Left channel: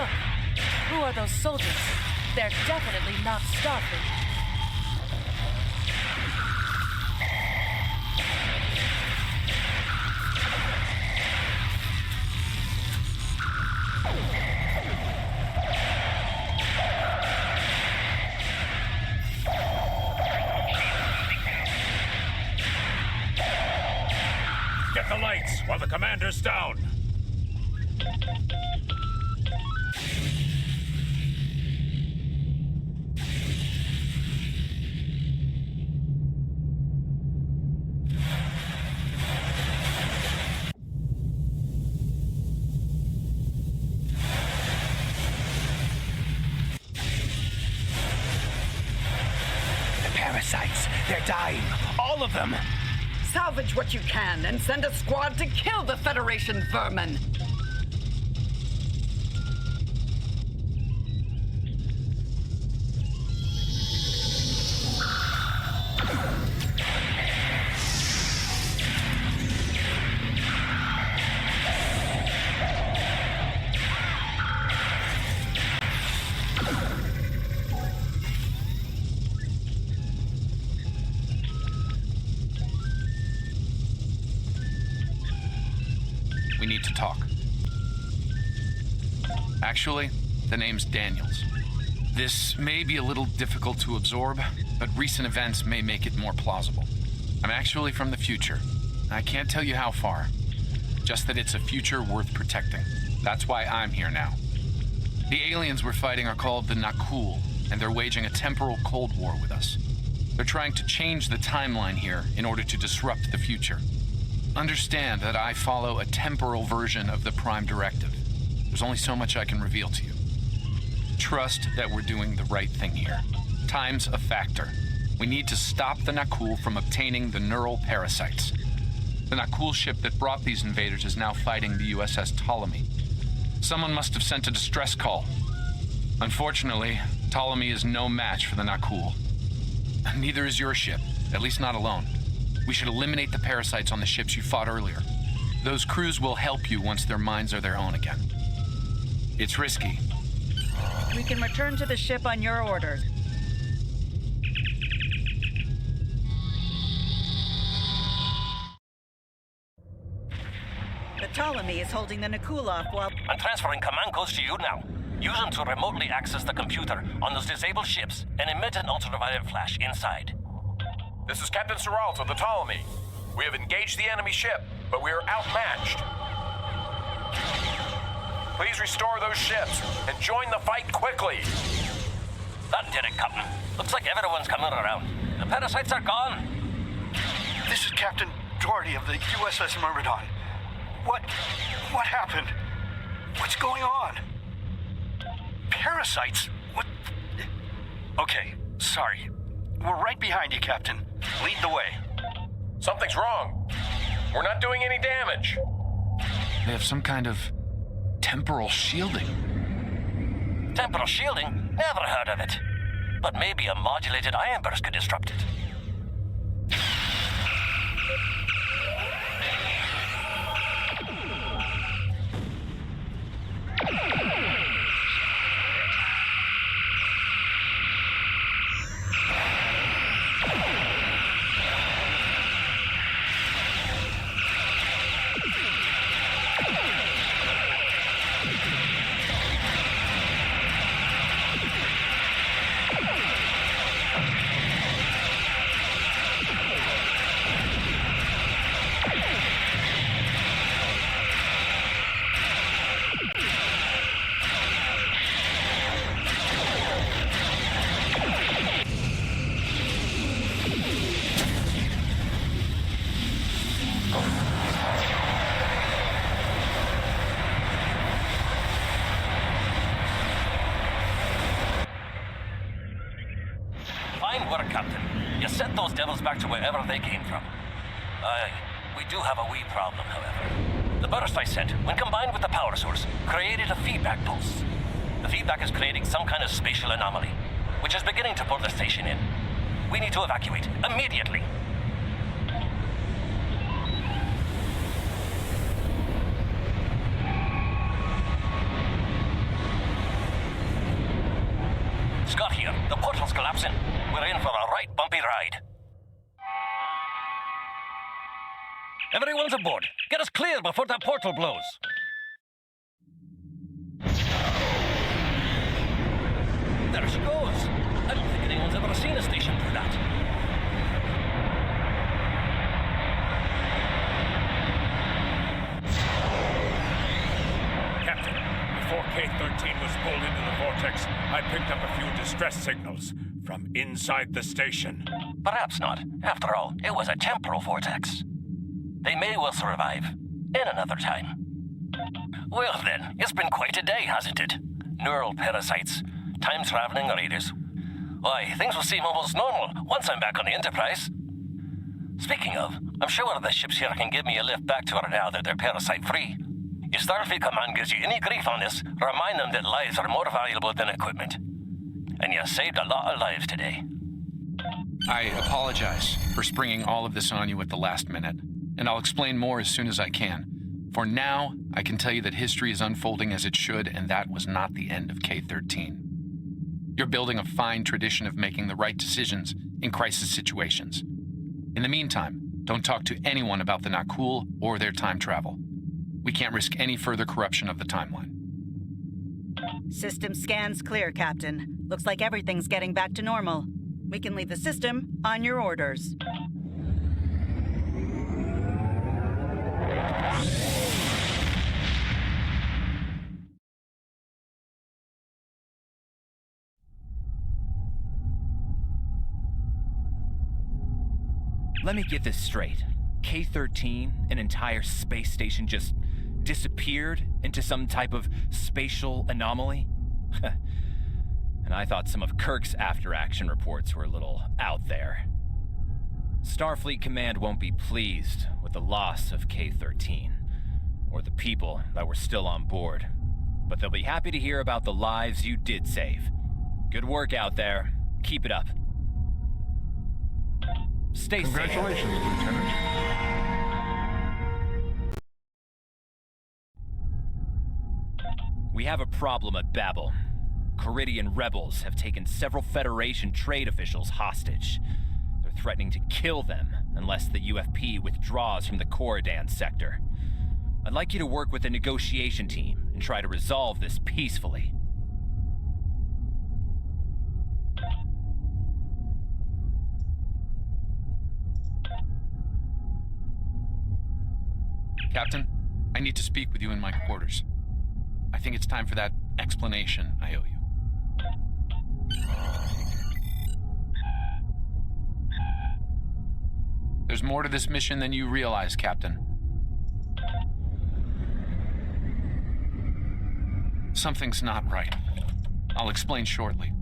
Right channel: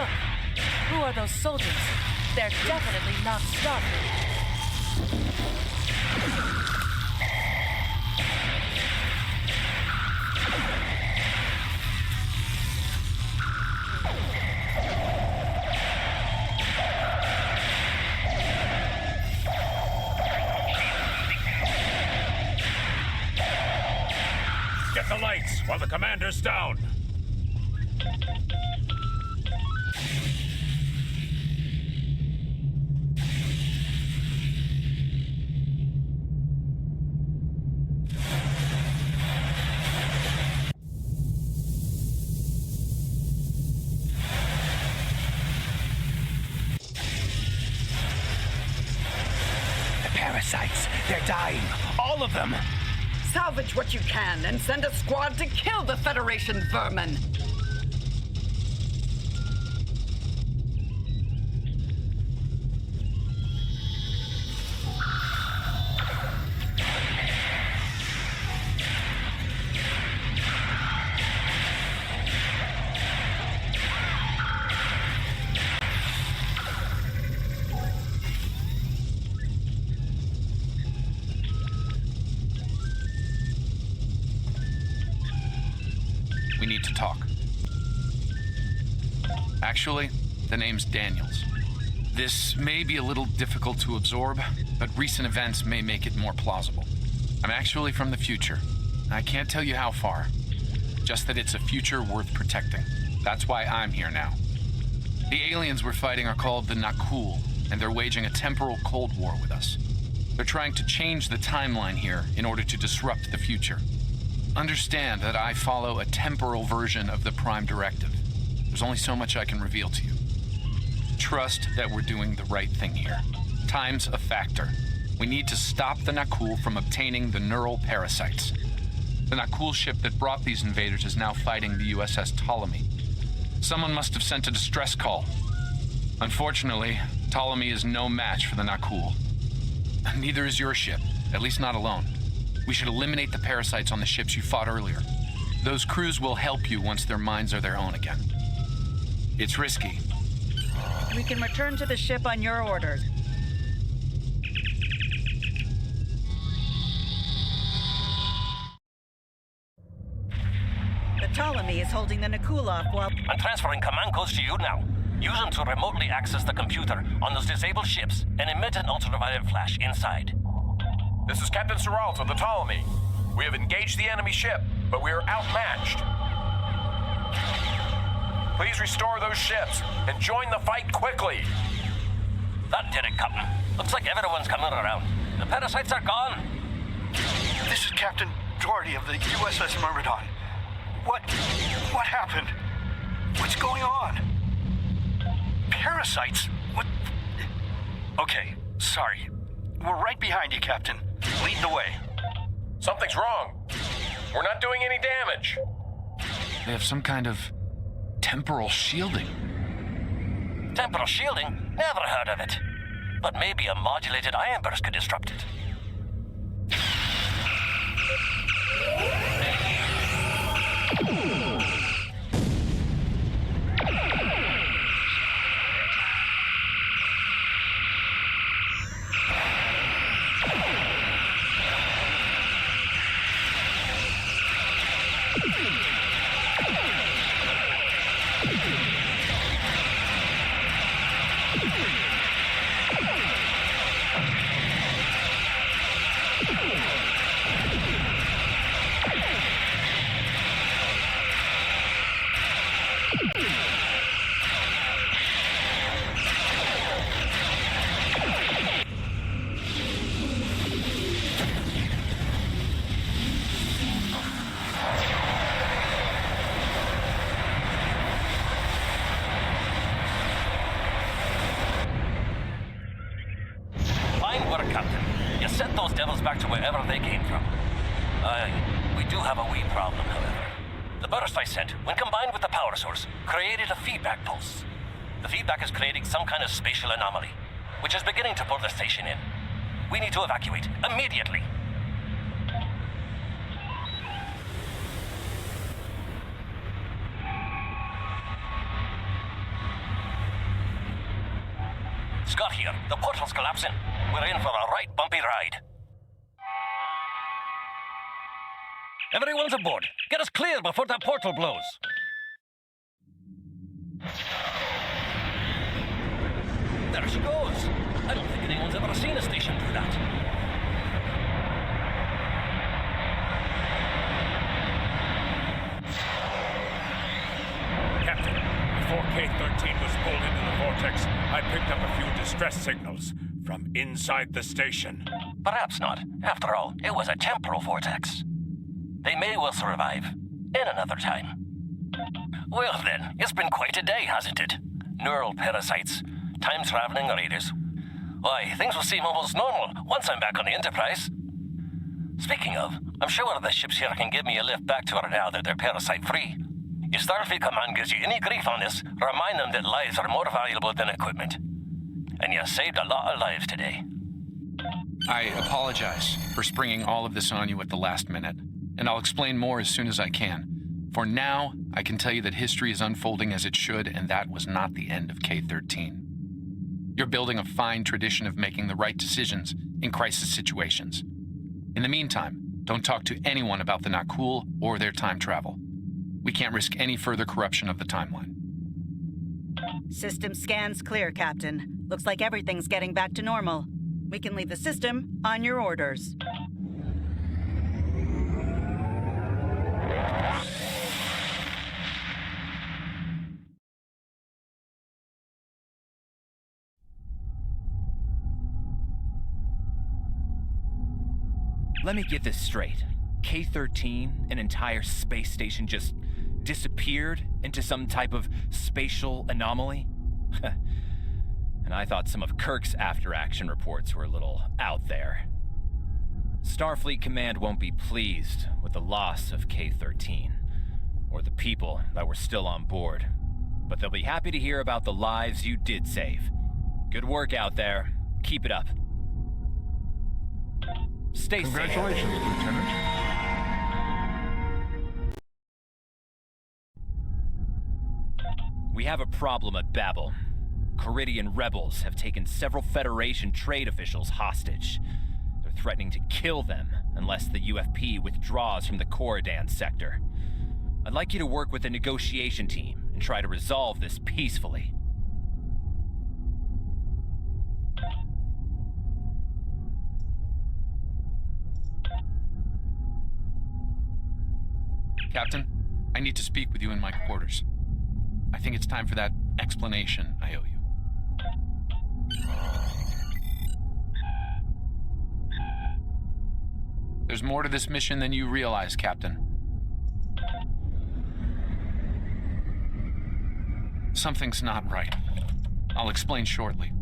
Look, who are those soldiers? They're definitely not Starfleet. Get the lights while the commander's down. Parasites. They're dying. All of them. Salvage what you can and send a squad to kill the Federation vermin. We need to talk. Actually, the name's Daniels. This may be a little difficult to absorb, but recent events may make it more plausible. I'm actually from the future. I can't tell you how far. Just that it's a future worth protecting. That's why I'm here now. The aliens we're fighting are called the Nakul, and they're waging a temporal Cold War with us. They're trying to change the timeline here in order to disrupt the future. Understand that I follow a temporal version of the Prime Directive. There's only so much I can reveal to you. Trust that we're doing the right thing here. Time's a factor. We need to stop the Nakul from obtaining the neural parasites. The Nakul ship that brought these invaders is now fighting the USS Ptolemy. Someone must have sent a distress call. Unfortunately, Ptolemy is no match for the Nakul. Neither is your ship, at least not alone. We should eliminate the parasites on the ships you fought earlier. Those crews will help you once their minds are their own again. It's risky. We can return to the ship on your orders. The Ptolemy is holding the Nakul off while... I'm transferring command codes to you now. Use them to remotely access the computer on those disabled ships and emit an ultraviolet flash inside. This is Captain Seralt of the Ptolemy. We have engaged the enemy ship, but we are outmatched. Please restore those ships and join the fight quickly. That did it, Captain. Looks like everyone's coming around. The parasites are gone. This is Captain Doherty of the USS Myrmidon. What happened? What's going on? Parasites? What? Okay, sorry. We're right behind you, Captain. Lead the way. Something's wrong. We're not doing any damage. They have some kind of temporal shielding. Temporal shielding? Never heard of it. But maybe a modulated ion burst could disrupt it. Back to wherever they came from. We do have a wee problem, however. The burst I sent, when combined with the power source, created a feedback pulse. The feedback is creating some kind of spatial anomaly, which is beginning to pull the station in. We need to evacuate immediately. collapsing. We're in for a right bumpy ride. Everyone's aboard. Get us clear before that portal blows. There she goes. I don't think anyone's ever seen a station do that. Captain, before K-13 was pulled into the vortex, I picked up a few distress signals from inside the station. Perhaps not. After all, it was a temporal vortex. They may well survive. In another time. Well then, it's been quite a day, hasn't it? Neural parasites, time-traveling raiders. Why, things will seem almost normal once I'm back on the Enterprise. Speaking of, I'm sure the ships here can give me a lift back to her now that they're parasite-free. If Starfleet Command gives you any grief on this, remind them that lives are more valuable than equipment. And you saved a lot of lives today. I apologize for springing all of this on you at the last minute, and I'll explain more as soon as I can. For now, I can tell you that history is unfolding as it should, and that was not the end of K-13. You're building a fine tradition of making the right decisions in crisis situations. In the meantime, don't talk to anyone about the Nakul or their time travel. We can't risk any further corruption of the timeline. System scans clear, Captain. Looks like everything's getting back to normal. We can leave the system on your orders. Let me get this straight. K-13, an entire space station, just disappeared into some type of spatial anomaly? And I thought some of Kirk's after-action reports were a little out there. Starfleet Command won't be pleased with the loss of K-13, or the people that were still on board. But they'll be happy to hear about the lives you did save. Good work out there. Keep it up. Stay safe. Congratulations, Lieutenant. We have a problem at Babel. Caridian rebels have taken several Federation trade officials hostage. They're threatening to kill them unless the UFP withdraws from the Corridan sector. I'd like you to work with the negotiation team and try to resolve this peacefully. Captain, I need to speak with you in my quarters. I think it's time for that explanation I owe you. There's more to this mission than you realize, Captain. Something's not right. I'll explain shortly.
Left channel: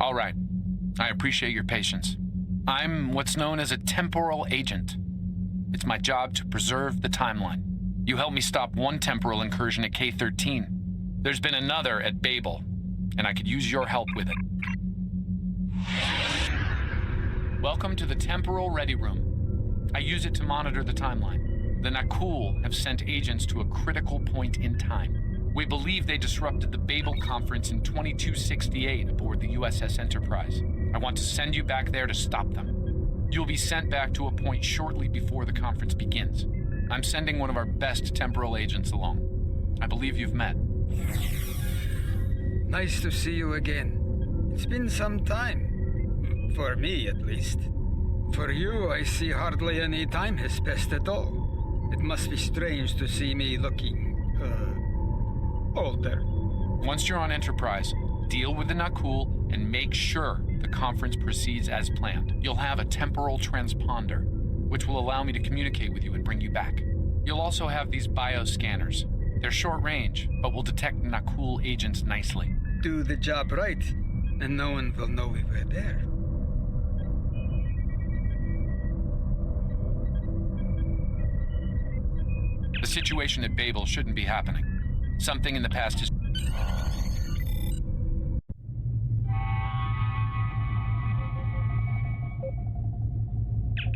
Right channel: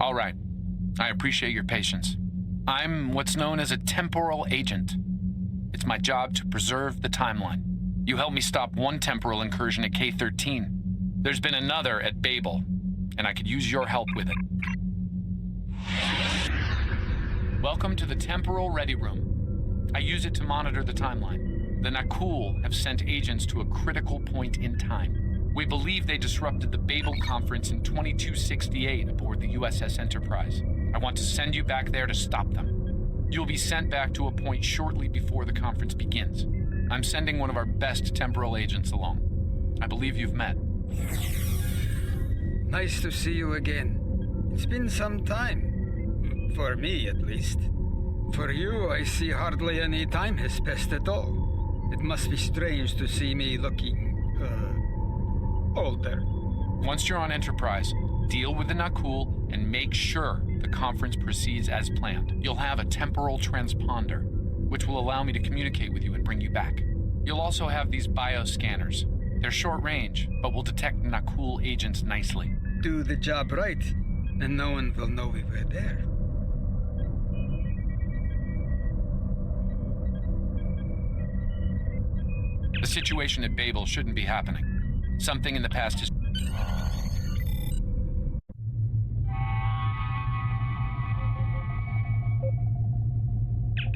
All right. I appreciate your patience. I'm what's known as a temporal agent. It's my job to preserve the timeline. You helped me stop one temporal incursion at K-13. There's been another at Babel, and I could use your help with it. Welcome to the Temporal Ready Room. I use it to monitor the timeline. The Nakul have sent agents to a critical point in time. We believe they disrupted the Babel conference in 2268 aboard the USS Enterprise. I want to send you back there to stop them. You'll be sent back to a point shortly before the conference begins. I'm sending one of our best temporal agents along. I believe you've met. Nice to see you again. It's been some time. For me, at least. For you, I see hardly any time has passed at all. It must be strange to see me looking, older. Once you're on Enterprise, deal with the Nakul and make sure the conference proceeds as planned. You'll have a temporal transponder, which will allow me to communicate with you and bring you back. You'll also have these bioscanners. They're short range, but will detect Nakul agents nicely. Do the job right, and no one will know we were there. The situation at Babel shouldn't be happening. Something in the past is...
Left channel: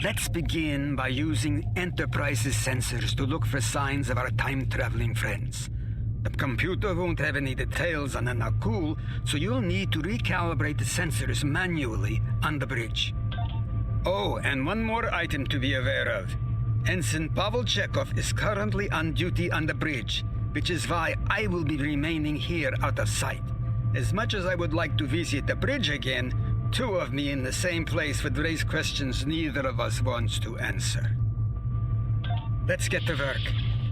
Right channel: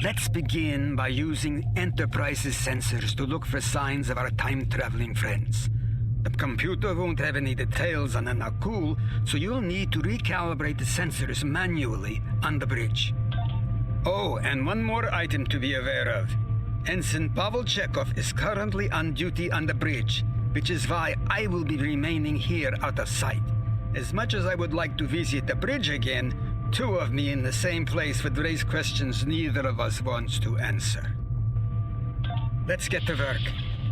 Let's begin by using Enterprise's sensors to look for signs of our time-traveling friends. The computer won't have any details on the Nakul, so you'll need to recalibrate the sensors manually on the bridge. Oh, and one more item to be aware of. Ensign Pavel Chekhov is currently on duty on the bridge, which is why I will be remaining here out of sight. As much as I would like to visit the bridge again, two of me in the same place would raise questions neither of us wants to answer. Let's get to work.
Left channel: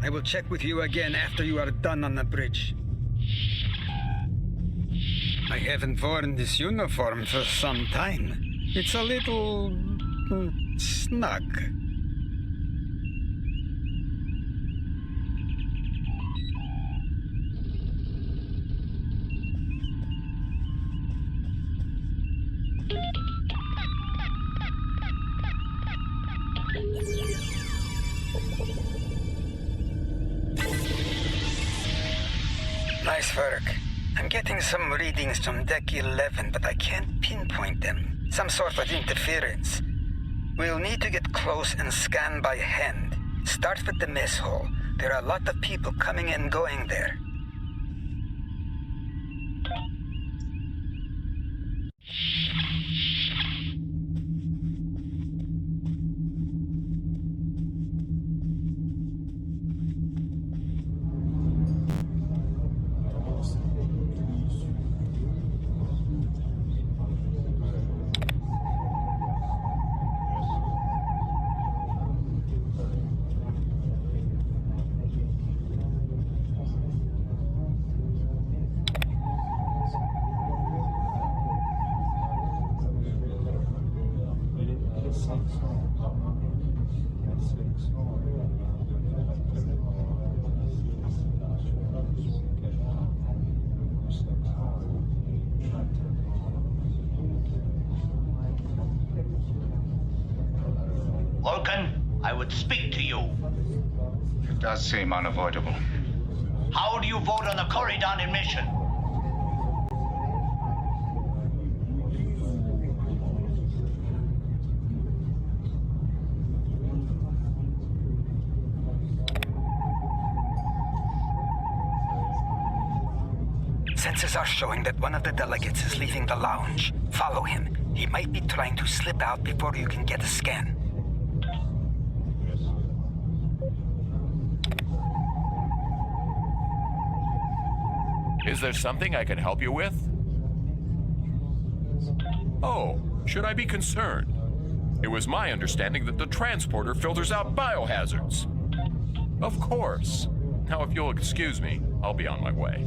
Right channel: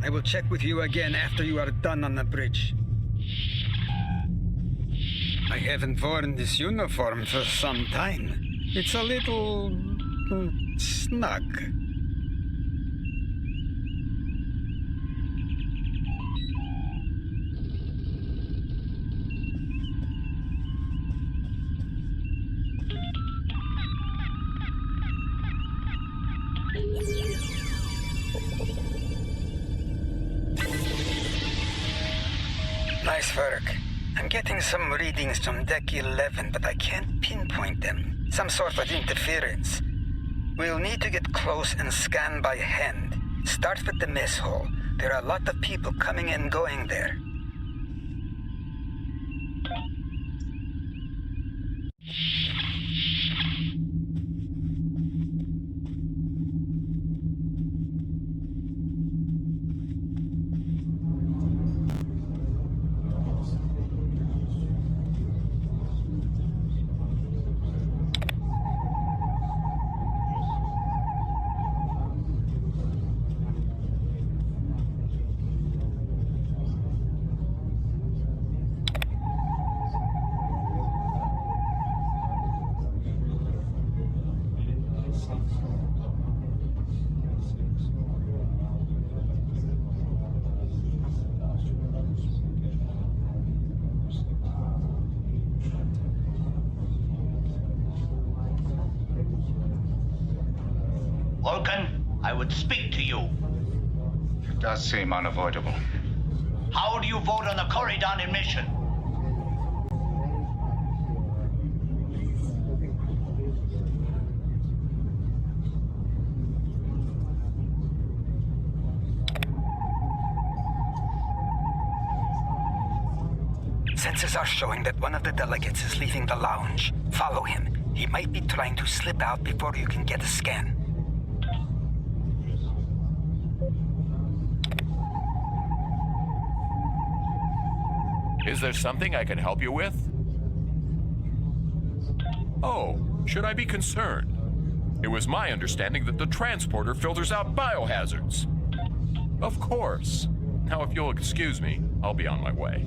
I will check with you again after you are done on the bridge. I haven't worn this uniform for some time. It's a little... snug. Nice work. I'm getting some readings from Deck 11, but I can't pinpoint them. Some sort of interference. We'll need to get close and scan by hand. Start with the mess hall. There are a lot of people coming and going there. Vulcan, I would speak to you. It does seem unavoidable. How do you vote on the Corridon admission? Sensors are showing that one of the delegates is leaving the lounge. Follow him. He might be trying to slip out before you can get a scan. Is there something I can help you with? Oh, should I be concerned? It was my understanding that the transporter filters out biohazards. Of course. Now, if you'll excuse me, I'll be on my way.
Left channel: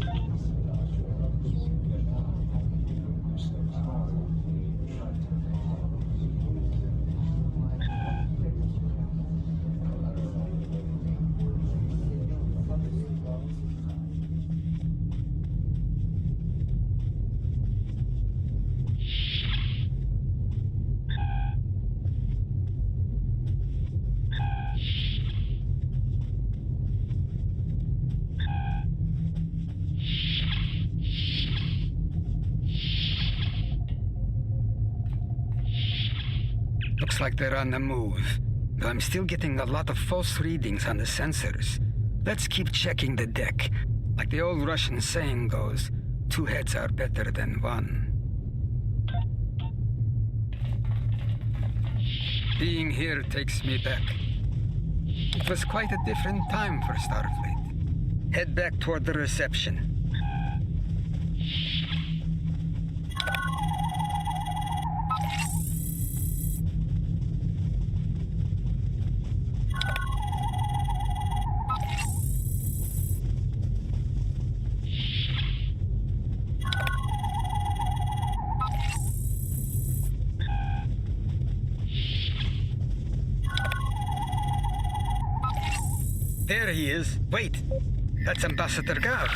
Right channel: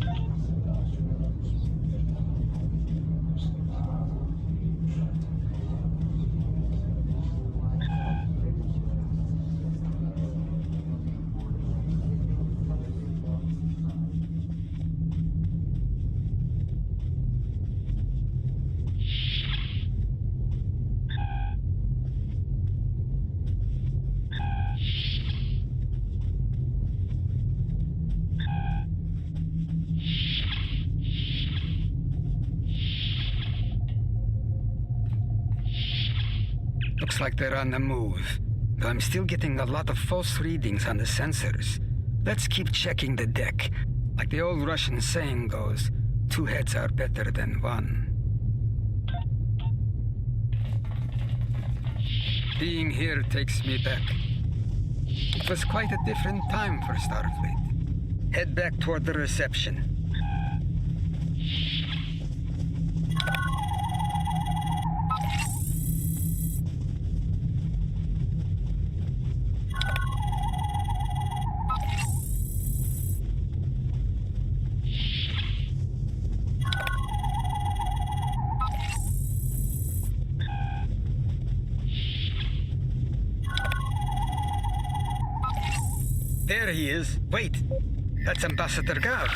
Looks like they're on the move, though I'm still getting a lot of false readings on the sensors. Let's keep checking the deck. Like the old Russian saying goes, 2 heads are better than 1. Being here takes me back. It was quite a different time for Starfleet. Head back toward the reception. There he is. Wait, that's Ambassador Gav.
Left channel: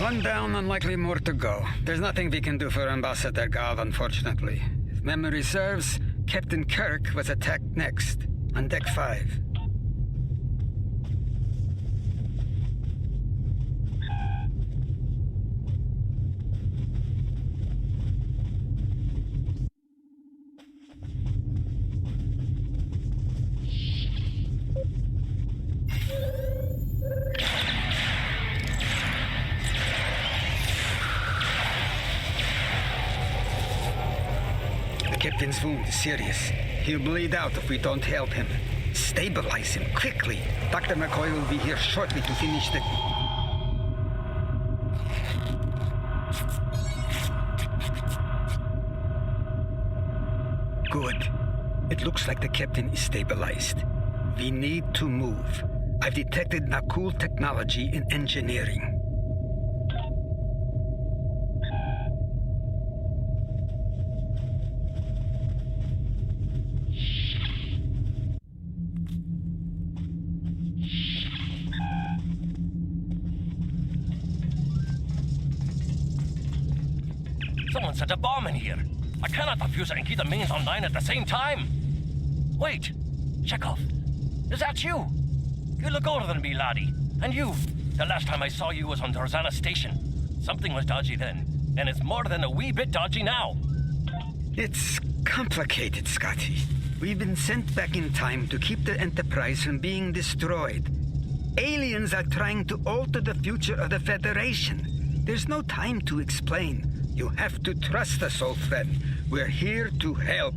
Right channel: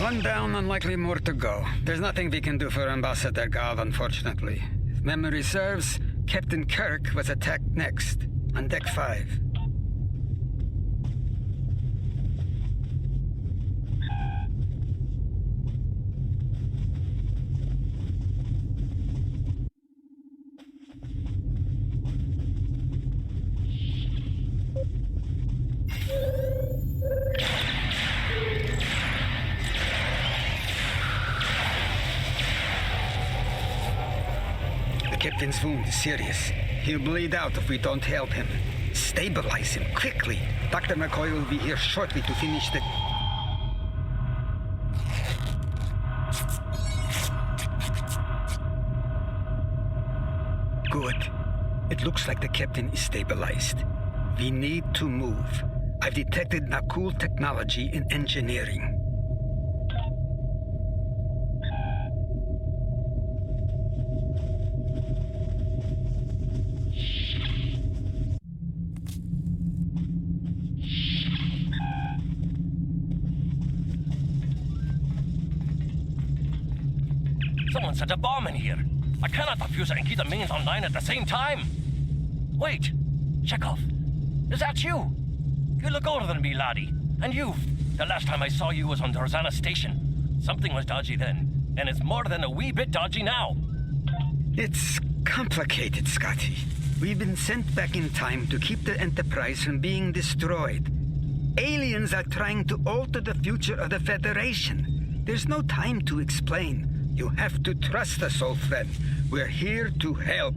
One down, unlikely more to go. There's nothing we can do for Ambassador Gav, unfortunately. If memory serves, Captain Kirk was attacked next, on Deck 5. The captain's wound is serious. He'll bleed out if we don't help him. Stabilize him quickly. Dr. McCoy will be here shortly to finish the... Good. It looks like the captain is stabilized. We need to move. I've detected Nakul technology in engineering. Someone set a bomb in here. I cannot defuse it and keep the mains online at the same time. Wait, Chekhov, is that you? You look older than me, laddie. And you, the last time I saw you was on Dorzana Station. Something was dodgy then, and it's more than a wee bit dodgy now. It's complicated, Scotty. We've been sent back in time to keep the Enterprise from being destroyed. Aliens are trying to alter the future of the Federation. There's no time to explain. You have to trust us, old friend. We're here to help.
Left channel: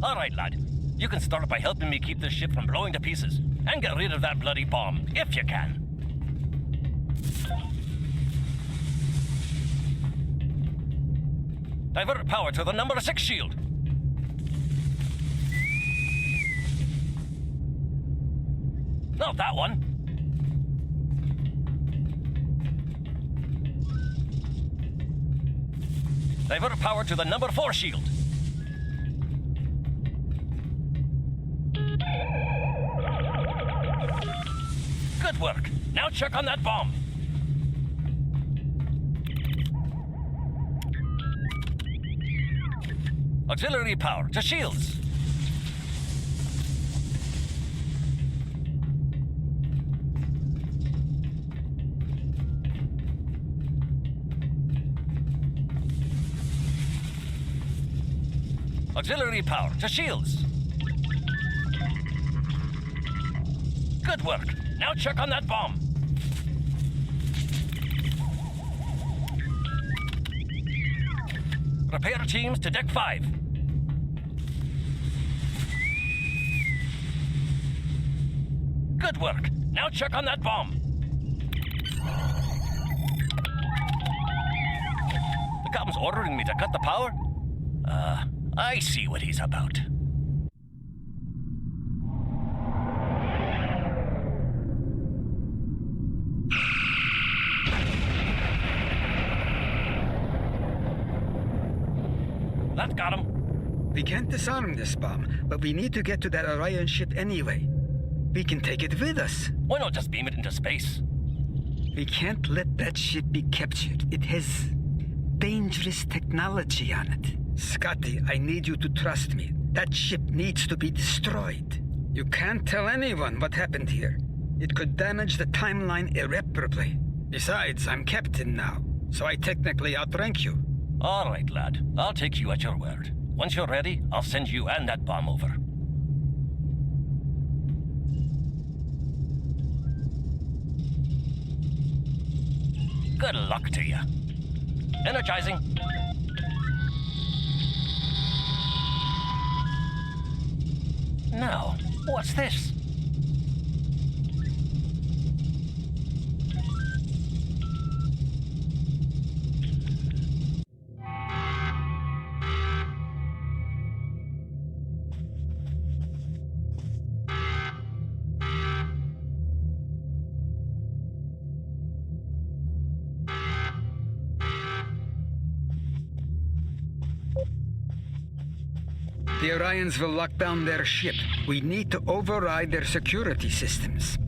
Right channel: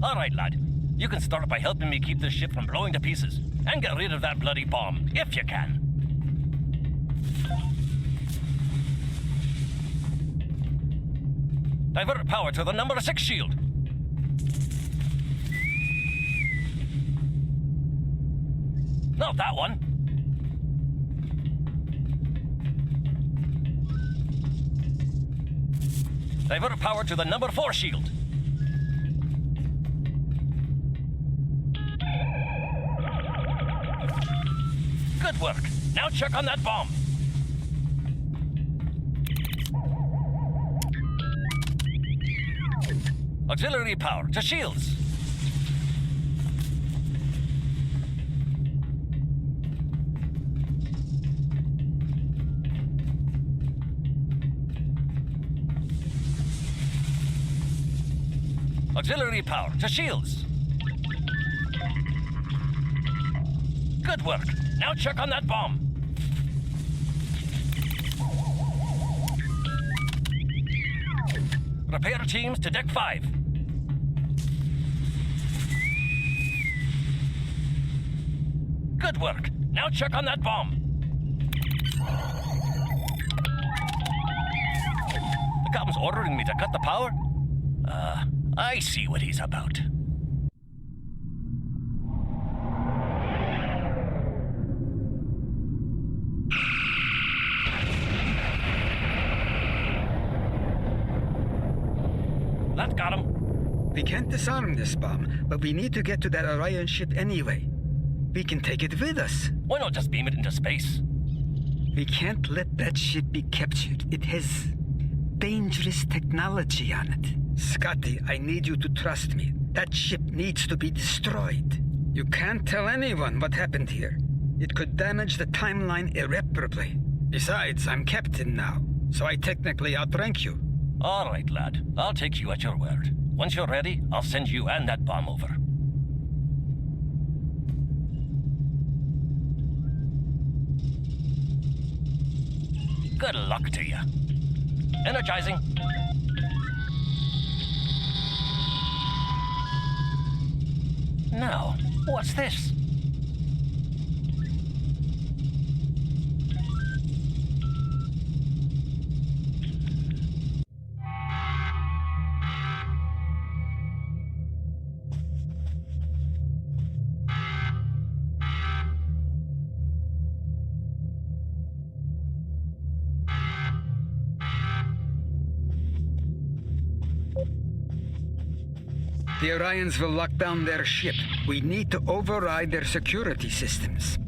All right, lad. You can start by helping me keep this ship from blowing to pieces. And get rid of that bloody bomb, if you can. Divert power to the number 6 shield. Not that one. Divert power to the number 4 shield. Good work. Now check on that bomb. Auxiliary power to shields. Auxiliary power to shields. Good work. Now check on that bomb. Repair teams to Deck 5. Good work. Now check on that bomb. The captain's ordering me to cut the power? I see what he's about. That got him. We can't disarm this bomb, but we need to get to that Orion ship anyway. We can take it with us. Why not just beam it into space? We can't let that ship be captured. It has dangerous technology on it. Scotty, I need you to trust me. That ship needs to be destroyed. You can't tell anyone what happened here. It could damage the timeline irreparably. Besides, I'm captain now, so I technically outrank you. All right, lad. I'll take you at your word. Once you're ready, I'll send you and that bomb over. Good luck to you. Energizing. Now, what's this? The Orions will lock down their ship. We need to override their security systems.